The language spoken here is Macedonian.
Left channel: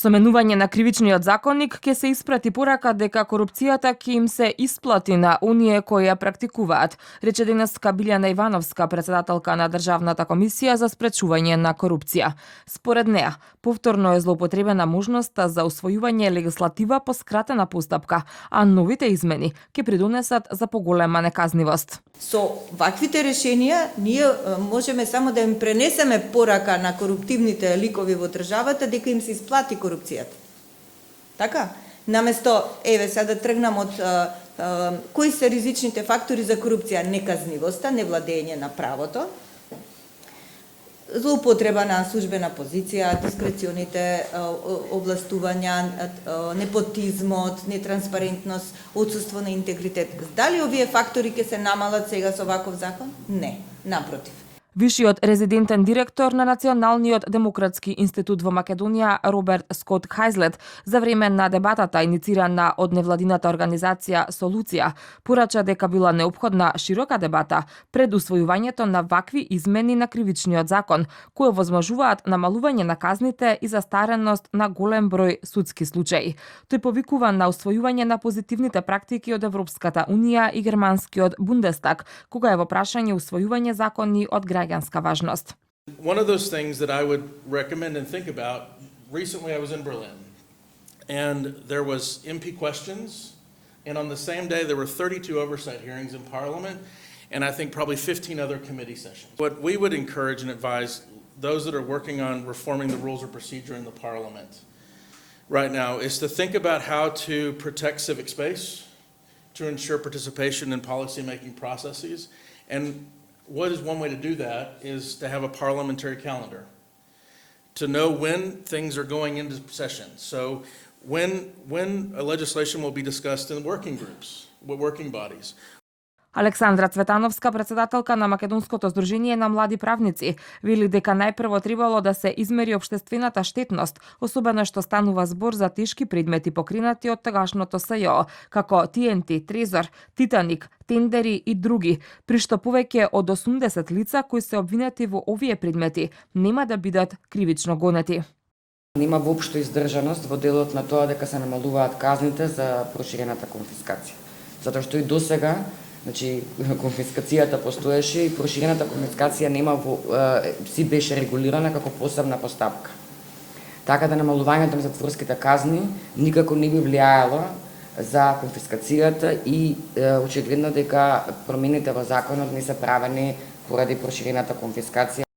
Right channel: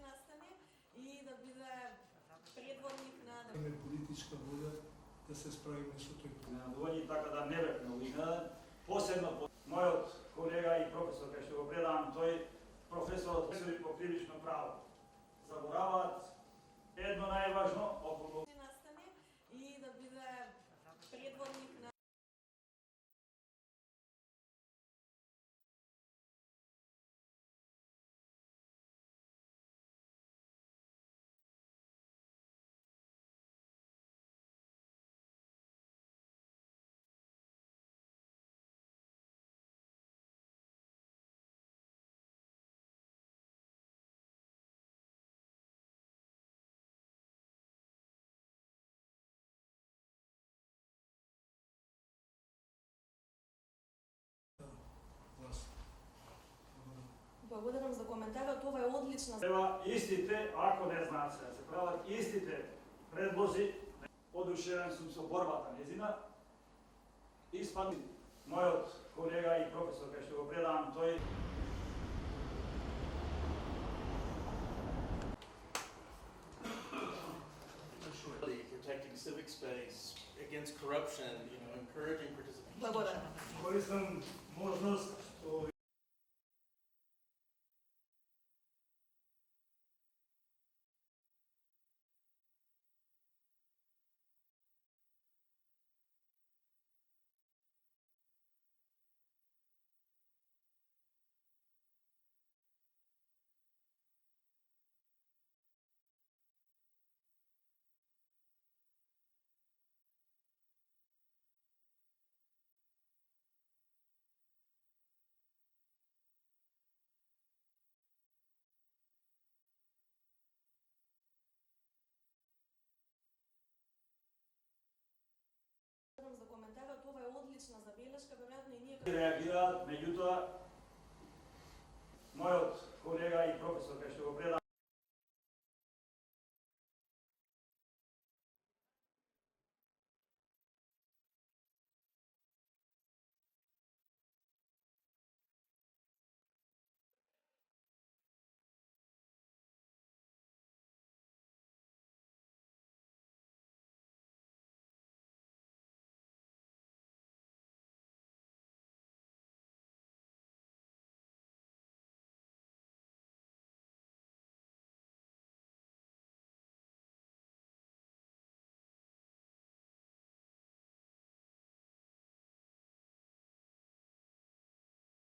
Со менување на кривичниот законник ќе се испрати порака дека корупцијата ќе им се исплати на оние кои ја практикуваат, рече денеска Билјана Ивановска, председателка на Државната комисија за спречување на корупција. Според неа, повторно е злоупотребена можноста за усвојување легислатива по скратена постапка, а новите измени ќе придонесат за поголема неказнивост. Со ваквите решенија ние можеме само да им пренесеме порака на коруптивните ликови во државата дека им се исплати корупцијата. Така? Наместо, сега да тргнам од кои се ризичните фактори за корупција? Неказнивоста, невладење на правото, злоупотреба на службена позиција, дискреционите областувања, непотизмот, нетранспарентност, отсуство на интегритет. Дали овие фактори ќе се намалат сега со ваков закон? Не, напротив. Вишиот резидентен директор на Националниот демократски институт во Македонија Роберт Скот Хајзлет за време на дебатата иницирана од невладината организација Солуција порача дека била неопходна широка дебата пред усвојувањето на вакви измени на кривичниот закон кои возможуваат намалување на казните и застареност на голем број судски случаи. Тој повикува на усвојување на позитивните практики од Европската унија и германскиот Бундестаг кога е во прашање усвојување закони од граѓанска важност. One of those things that I would recommend and think about, recently I was in Berlin and there was MP questions, and on the same day there were 32 oversight hearings in Parliament and I think probably 15 other committee sessions. What we would encourage and advise those that are working on reforming the rules of procedure in the Parliament right now is to think about how to protect civic space, to ensure participation in policy-making processes, and what is one way to do that is to have a parliamentary calendar, to know when things are going into session. So when a legislation will be discussed in working groups, with working bodies. Александра Цветановска, председателка на Македонското здружение на млади правници, вели дека најпрво требало да се измери општествената штетност, особено што станува збор за тешки предмети покринати од тогашното СЈО, како ТНТ, Трезор, Титаник, тендери и други, при што повеќе од 80 лица кои се обвинети во овие предмети нема да бидат кривично гонети. Нема воопшто издржаност во делот на тоа дека се намалуваат казните за проширената конфискација. Затоа што и досега конфискацијата постоеше и проширената конфискација си беше регулирана како посебна постапка. Така да намалувањето на затворските казни никако не би влијаело за конфискацијата и очигледно дека промените во законот не се правени поради проширената конфискација.